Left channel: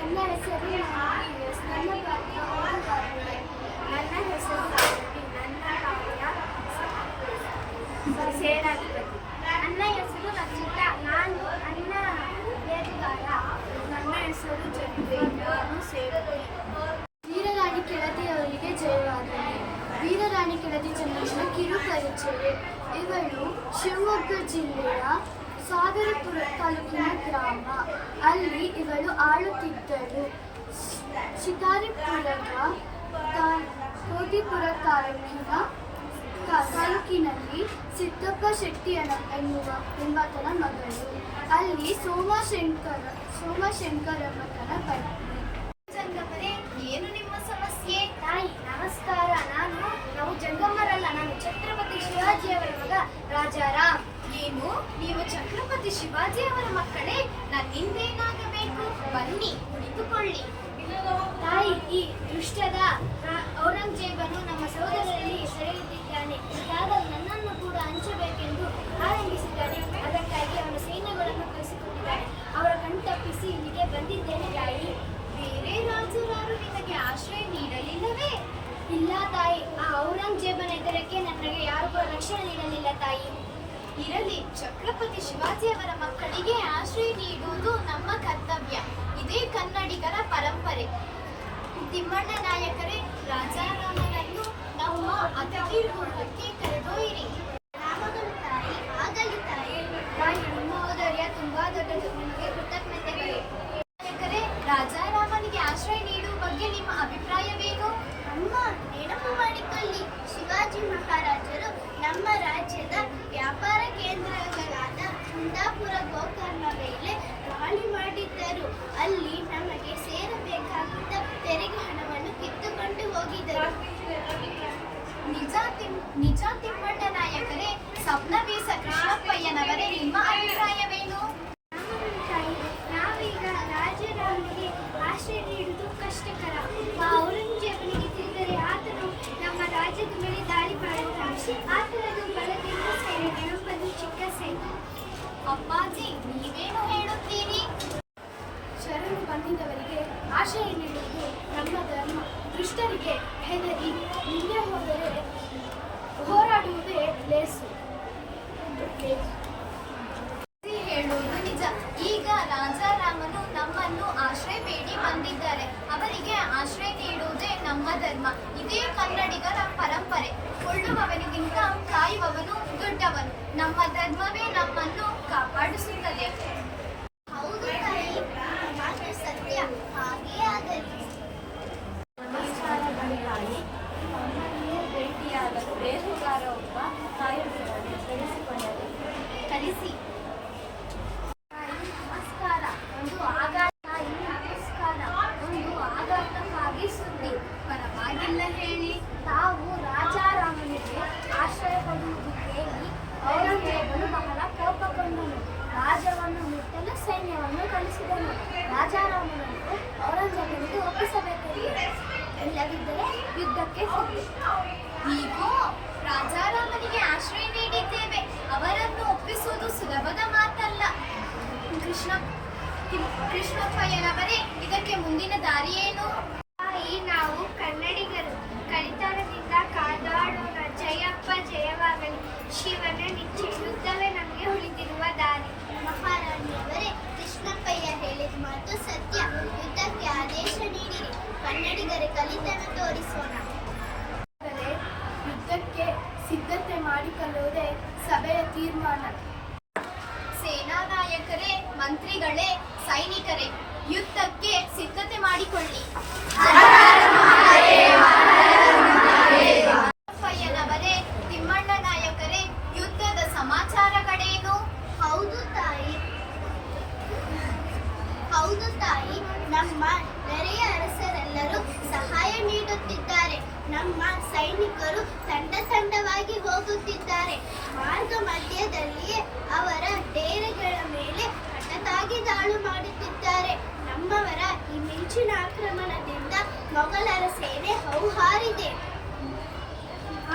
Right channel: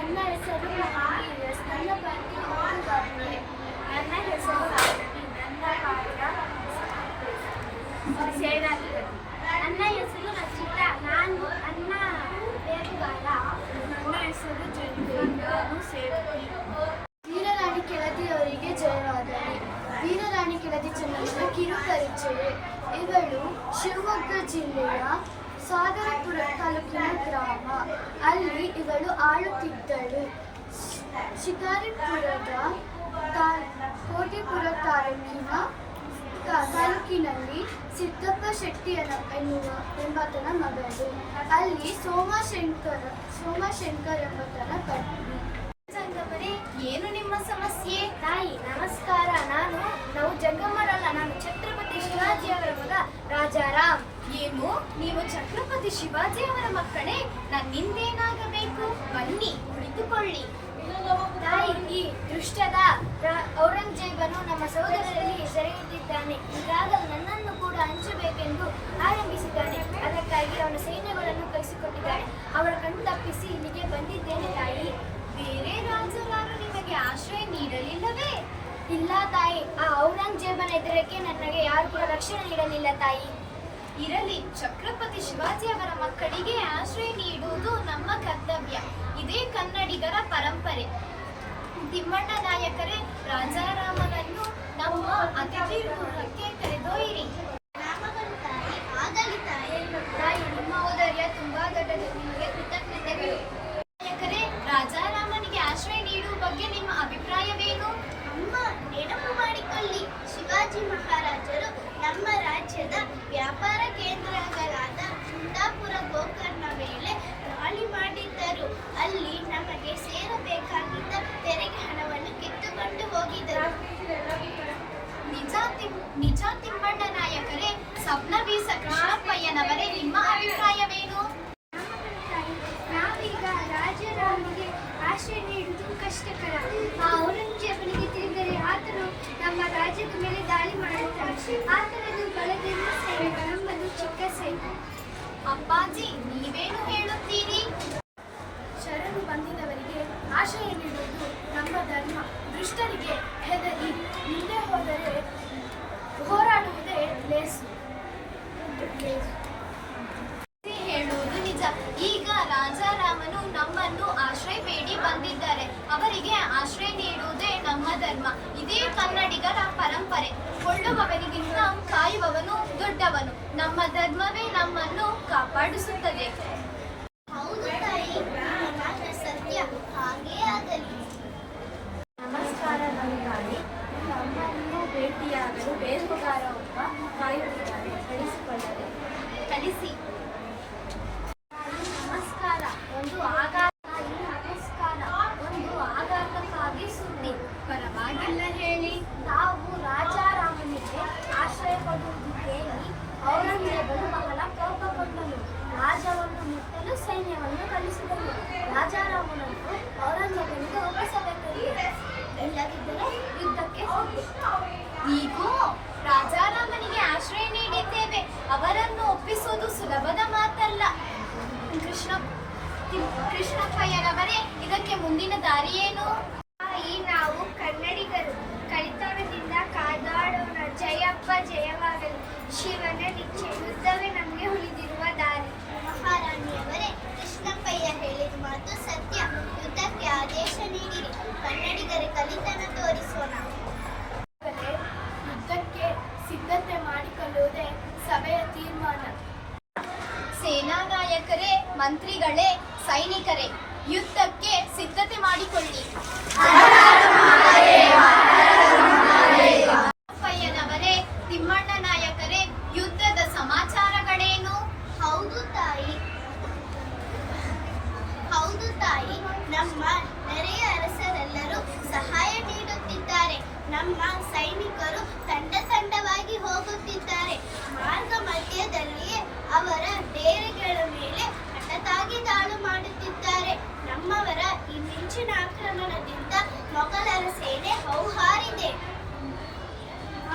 ನನ್ನ ಹೆಸರು ಎಸ್. ನನ್ನ ಪಾತ್ರ ಓದುಗಾರಳೆ. ನನ್ನ ಹೆಸರು ರವಿ. ನನ್ನ ಪಾತ್ರ ಸೇನಾಧಿಪತಿ. ನನ್ನ ಹೆಸರು ರಚಿತಾ. ನಾನು ನನ್ನ ನೇರುಗಾರ. ನನ್ನ ಹೆಸರು ಜಂಟಿ. ನಾನು ಸೇವಕಿ. ವೀರರಾಣಿ ಕೆಳದಿಯವರಿಗೆ ಜಯವಾಗಲಿ. ವೀರರಾಣಿ ಕೆಳದಿ ಚೆನ್ನಮ್ಮನ ಕಿರುಪರಿಚಯ. ಇವಳು ಶಿವಮೊಗ್ಗ ಜಿಲ್ಲೆಯ ಸಾಗರಪುರ ತಾಲೂಕಿನ ಗ್ರಾಮ. ಅಲ್ಲಿ ಇವಳು ಆಳುತ್ತಿದ್ದಳು. ಶಿಕಾರಿಪುರದ ಕೋಟಿಪುರ ತಾಲೂಕಿನಲ್ಲಿ ಸಿದ್ದಪ್ಪ ಶೆಟ್ಟಿ ಎಂಬಾತನ ಮಗಳು. ಅಲ್ಲಿ ಸೋಮಶಂಕರ್ ಎಂಬಾತನ ಪತ್ನಿ. ಜಂಗಮರೇ, ಏನು ನಿಮ್ಮ ಸಮಸ್ಯೆ? ತಾಯಿ ನಮಸ್ಕಾರ. ನಾವು ಜಂಗಮರಲ್ಲ. ನಾನು ಛತ್ರಪತಿ ಶಿವಾಜಿಯವರ ಮಗ ರಾಜಾರಾಮ್. ಏನು, ನೀವು ಛತ್ರಪತಿ ಶಿವಾಜಿ ಅವರ ಮಕ್ಕಳೇ? ನನ್ನಿಂದೇನಾಗಬೇಕು? ಬನ್ನಿ, ಕುಳಿತುಕೊಳ್ಳಿ. ತಾಯಿ, ಈ ದುಷ್ಟದ ಔರಂಗಜೇಬನು ನಮ್ಮ ಸಹೋದರರಲ್ಲಿ ಸೆರೆಹಿಡಿದಿದ್ದಾನೆ. ಈಗಾಗಲೇ ನನ್ನನ್ನು ಕೂಡ ಹಂಚಬೇಕೆಂದು ಆರಂಭಿಸಿದ್ದಾನೆ. ಅದಕ್ಕಾಗಿ ಅವನ ಸೈನ್ಯಗಳನ್ನು ಕಳಿಸಿಕೊಟ್ಟಿದ್ದಾನೆ. ಅವರ ಕಣ್ತಪ್ಪಿಸಿ ಇಲ್ಲಿಗೆ ಬಂದಿದ್ದೇನೆ ತಾಯಿ. ಬೇರೆ ರಾಜರಾರು ನಿಮಗೆ ಆಶ್ರಯ ನೀಡಲಿಲ್ಲವೇ? ಇಲ್ಲ ತಾಯಿ, ಆ ಔರಂಗಜೇಬನ ಎದುರಕ್ಕೆ ನನಗೆ ಯಾರು ಕೂಡ ರಕ್ಷಣೆ ನೀಡಲಿಲ್ಲ ತಾಯಿ. ಇರಲಿ, ಛತ್ರಪತಿ ಶಿವಾಜಿ ಅವರ ಮಕ್ಕಳಿಗೆ ಆಶ್ರಯ ನೀಡುವುದು ನಮ್ಮ ಕರ್ತವ್ಯ. ಇದೇ ಕನ್ನಡಿಗರ ಪರಂಪರೆ. ತಿಮ್ಮಣ್ಣ ನಾಯಕರೇ, ರಾಜಾರಾಮನನ್ನು ನಮ್ಮ ಅತಿಥಿ ಗೃಹಕ್ಕೆ ಕರೆದೊಯ್ಯಿರಿ. ರಾಮಗಳು ತಾಯಿ. ಆಗಲಿ ತಾಯಿ. ತಾಯಿ, ನಿಮ್ಮ ಔದಾರ್ಯ ತುಂಬಾ ದೊಡ್ಡದು. ನಿಮಗೆ ಕೃತಜ್ಞತೆಗಳು. ನಾಯಕರೇ, ರಾಜಾರಾಮನಿಗೆ ಆಶ್ರಯ ನೀಡುವ ಬಗ್ಗೆ ನಿಮ್ಮ ಅಭಿಪ್ರಾಯವೇನು? ಅಮ್ಮ, ನೆನಪು ಮಾಡಿಕೊಳ್ಳಿ. ಶಿವಾಜಿ ಮಹಾರಾಜರು ನಮ್ಮ ರಾಜ್ಯದ ವ್ಯಾಪಾರ ಕೇಂದ್ರಗಳಾದ ಕುಂದಾಪುರ, ಗೋಕರ್ಣ ಮೇಲೆ ದಾಳಿ ಮಾಡಿದ್ದರು. ಅಲ್ಲಿ ನಮಗೆ ಸೇರಬೇಕಾಗಿದ್ದ ತೆರಿಗೆ ಹಣವನ್ನು ಕಿತ್ತುಕೊಂಡು ಹೋಗಿದ್ದರು. ನಿಜ ತಿಮ್ಮಣ್ಣ ನಾಯಕರೇ. ಸಪ್ನವೀಸ ಕೃಷ್ಣಪ್ಪಯ್ಯನವರೇ, ನಿಮ್ಮ ಅಭಿಪ್ರಾಯವೇನು? ನಾವೀಗ ರಾಜಾರಾಮನಿಗೆ ಆಶ್ರಯ ನೀಡುವುದು ಕಷ್ಟಕರ. ಆ ಔರಂಗಜೇಬನಿಗೆ ತಿಳಿದರೆ ಆತನು ನಮ್ಮ ರಾಜ್ಯದ ಮೇಲೆ ದಾಳಿ ಮಾಡುತ್ತಾನೆ. ಆತನದು ಬಲದಿಂದ ಸೈನ್ಯ, ನಮ್ಮದು ಚಿಕ್ಕ ಸೈನ್ಯ. ಅಪ್ಪಾಜಿ, ನೀವೇನು ಹೇಳುತ್ತೀರಿ? ಶರಣು ಬಂದಿದ್ದವರಿಗೆ ಆಶ್ರಯ ನೀಡುವುದು ನಮ್ಮ ಧರ್ಮ. ದುಷ್ಟರಿಗೆ ಹೆದರಿ ಮುಂದೆ ಹೋದರೆ ಹೋರಾಡುವುದೇ ಲೇಸು. ಹೇಳುವುದು ನಿಜ. ಈಗ ರಾಜಾರಾಮನು ನಮ್ಮನ್ನು ಆಶ್ರಯ ಬೇಡಿ ಬಂದಿದ್ದಾರೆ. ಅವರಿಗೆ ಆಶ್ರಯ ನೀಡುವುದೇ ನಮ್ಮ ಧರ್ಮ. ಇದೇ ಕನ್ನಡಿಗರ ಪರಂಪರೆ. ಕೊಳ್ಳುವವನಿಗಿಂತ ಕಾಯುವವನು ದೊಡ್ಡವನು. ನಮ್ಮ ಧರ್ಮವೇ ನಮ್ಮನ್ನು ಕಾಪಾಡಿಸುತ್ತದೆ. ಹೌದು ತಾಯಿ, ಮಾತ್ರ ಸತ್ಯ. ಹಾಗೇ ಆಗಲಿ. ನಮಸ್ಕಾರ ತಾಯಿ. ಅಮ್ಮನ್ನು ಭೇಟಿಯಾಗಲು ಬೇಹುಗಾರ ಒಬ್ಬ ಕಾಯುತ್ತಿದ್ದಾರೆ. ಬೆಳೆಸಿಕೊಂಡರೆ ಕಲಿಸಿ. ನಮಸ್ಕಾರ. ಒಂದು ಆಘಾತಕ್ಕಾಗಿ ಸುದ್ದಿ. ಪರವಾಗಿಲ್ಲ, ಹೇಳಿ. ತಾವು ರಾಜಾರಾಮನಿಗೆ ಆಶ್ರಯ ಕೊಡುವುದಿದ್ದೇನೆ. ಔರಂಗಜೇಬನು ಬಹಳ ಕೋಪಗೊಂಡನು. ರಾಜವನ್ನು ಮುಟ್ಟಲು ಸೈನ್ಯವನ್ನು ಕಳಿಸಿದನು. ರಾಜಾರಾಮನನ್ನು ಔರಂಗಜೇಬನಿಗೆ ಒಪ್ಪಿಸಬೇಕೆಂದು. ಇಲ್ಲದಿದ್ದರೆ ಯುದ್ಧಕ್ಕೆ ಹೋಗಿ. ನೀವು ರಾಜಾರಾಮನಿಗೆ ಆಶ್ರಯ ನೀಡಿದ್ದೇವೆ. ಅವರನ್ನು ಒಪ್ಪಿಸುವುದು ಸುಲಭದ ಮಾತಲ್ಲ. ಕೃಷ್ಣಪ್ಪಯ್ಯನವರೇ, ಇದಕ್ಕೆ ಮುಂದಿನ ದಾರಿ ಏನು? ತಾಯಿ, ನಾವು ಕನ್ನಡಿಗರು ಕಲಿತರದಿಂದ ಕಾದಾಡೋಣ. ಜಯಪ್ಪ ಜಯವಾಗಲಿ. ಶಿವನ ನಿಚ್ಚೆ. ಯುದ್ಧವೇ ನಮಗೆ ಉಳಿದಿರುವ ದಾರಿ. ಮಹಾರಾಣಿಯವರೇ, ಕೃಷ್ಣಪ್ಪಯ್ಯ ಹೇಳಿದ ಮಾತು ಸತ್ಯ. ಯುದ್ಧಕ್ಕೆ ಆದೇಶ ನೀಡಿರಿ. ಕನ್ನಡಿಗರ ಕಲಿತನ ತೋರಿಸೋಣ. ಯುದ್ಧಕ್ಕೆ ಸಿದ್ಧತೆ ಮಾಡಿಕೊಳ್ಳುವುದೇ ಸಭೆಯ ತೀರ್ಮಾನ. ಸೇನಾ ನಾಯಕರೇ, ಮಂತ್ರಿಗಳೇ, ಸೈನಿಕರೇ, ಯುದ್ಧಕ್ಕೆ ಸಿದ್ಧತೆ ಮಾಡಿಕೊಳ್ಳಿ. ಅಪ್ಪಯ್ಯನವರೇ, ತಿಮ್ಮಣ್ಣ ನಾಯಕರೇ, ಯುದ್ಧದ ಸಮಾಚಾರಗಳೇನು? ಹೌದು ತಾಯಿ, ನಮ್ಮ ನೆರೆಯ ಅರಸರೆಲ್ಲರೂ ಸಹಾಯ ನೀಡುತ್ತಿದ್ದಾರೆ. ನಮ್ಮ ಸೈನಿಕರು ತಂಡವಾಗಿ ಹೋಗುತ್ತಿದ್ದಾರೆ. ಮಾರ್ಗ ಮಧ್ಯದಲ್ಲಿಯೇ ಅವರ ಡೇರೆಗಳ ಮೇಲೆ ಹಠಾತ್ತಾಗಿ ದಾಳಿ ಮಾಡುತ್ತಿದ್ದಾರೆ. ನಮ್ಮವರ ಈ ಮಿಂಚಿನ ಆಕ್ರಮಣದಿಂದ ಮೊಘಲರ ಸೇನೆ ಹೌಹಾರಿದೆ.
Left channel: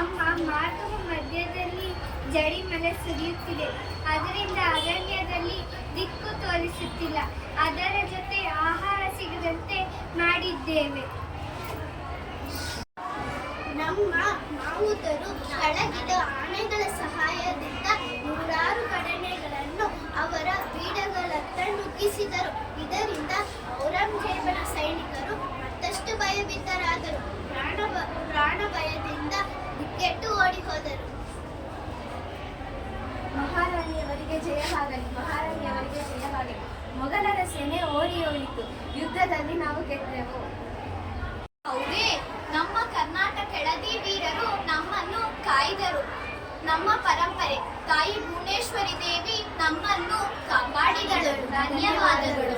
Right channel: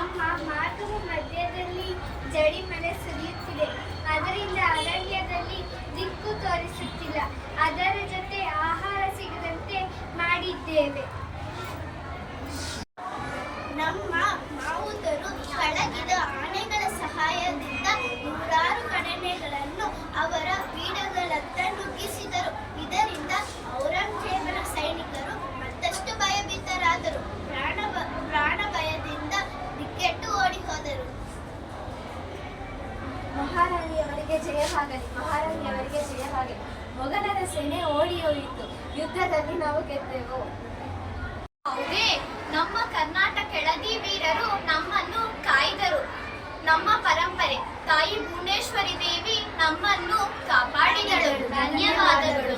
ಅಮ್ಮ, ಮಾರ್ಗದ ಮಧ್ಯದಲ್ಲಿ ಜಡಿ ಮಳೆ ಸುರಿಯುತ್ತಿದೆ. ಅದರಿಂದ ಅರಣ್ಯದಲ್ಲಿ ದಿಕ್ಕು ತೋರಿಸುತ್ತಿಲ್ಲ. ಅದರ ಜೊತೆ ಆಹಾರ ಸಿಗದಂತೆ ಸೇನೆ. ನಮ್ಮ ಮಾವುತರು ಪಳಗಿದ ಆನೆಗಳ ಸಹಾಯದಿಂದ ನೂರಾರು ಕಡನೆಗಳನ್ನು ಅವರ ಬೀಡಗಳತ್ತ ನುಗ್ಗಿಸಿದರು. ಇದರಿಂದ ಔರಂಗಜೇಬನ ಸೈನಿಕರು ಮತ್ತಷ್ಟು ಭಯಭೀತರಾದರು. ಪ್ರಾಣ ಭಯದಿಂದ ದಿಕ್ಕೆಟ್ಟು ಓಡಿ ಹೋದರು. ಮಹಾರಾಣಿಯವರಿಗೆ ಜಯವಾಗಲಿ, ಮಹಾರಾಣಿಯವರಿಗೆ ಜಯವಾಗಲಿ. ಮೊಘಲರ ಸೇನೆ ಓಡಿ ಹೋಯಿತು. ಯುದ್ಧದಲ್ಲಿ ನಾವು ಗೆದ್ದೆವು. ಹೌದೇ, ನಮ್ಮ ಕರ್ನಾಟಕ ಕೆಳದಿ ವೀರರು ನಮ್ಮನ್ನು ಕಾಯ್ದರು. ನಮ್ಮ ಪರಂಪರೆ ತಾಯಿ ಭುವನೇಶ್ವರಿ ದೇವಿ ನಮ್ಮನ್ನು ಕಾಪಾಡಿದಳು. ಧನ್ಯವಾದಗಳು.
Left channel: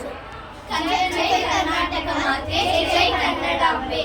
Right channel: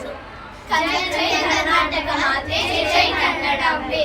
ಜೈ ಕರ್ನಾಟಕ ಮಾತೆ, ಜೈ ಕನ್ನಡಾಂಬೆ.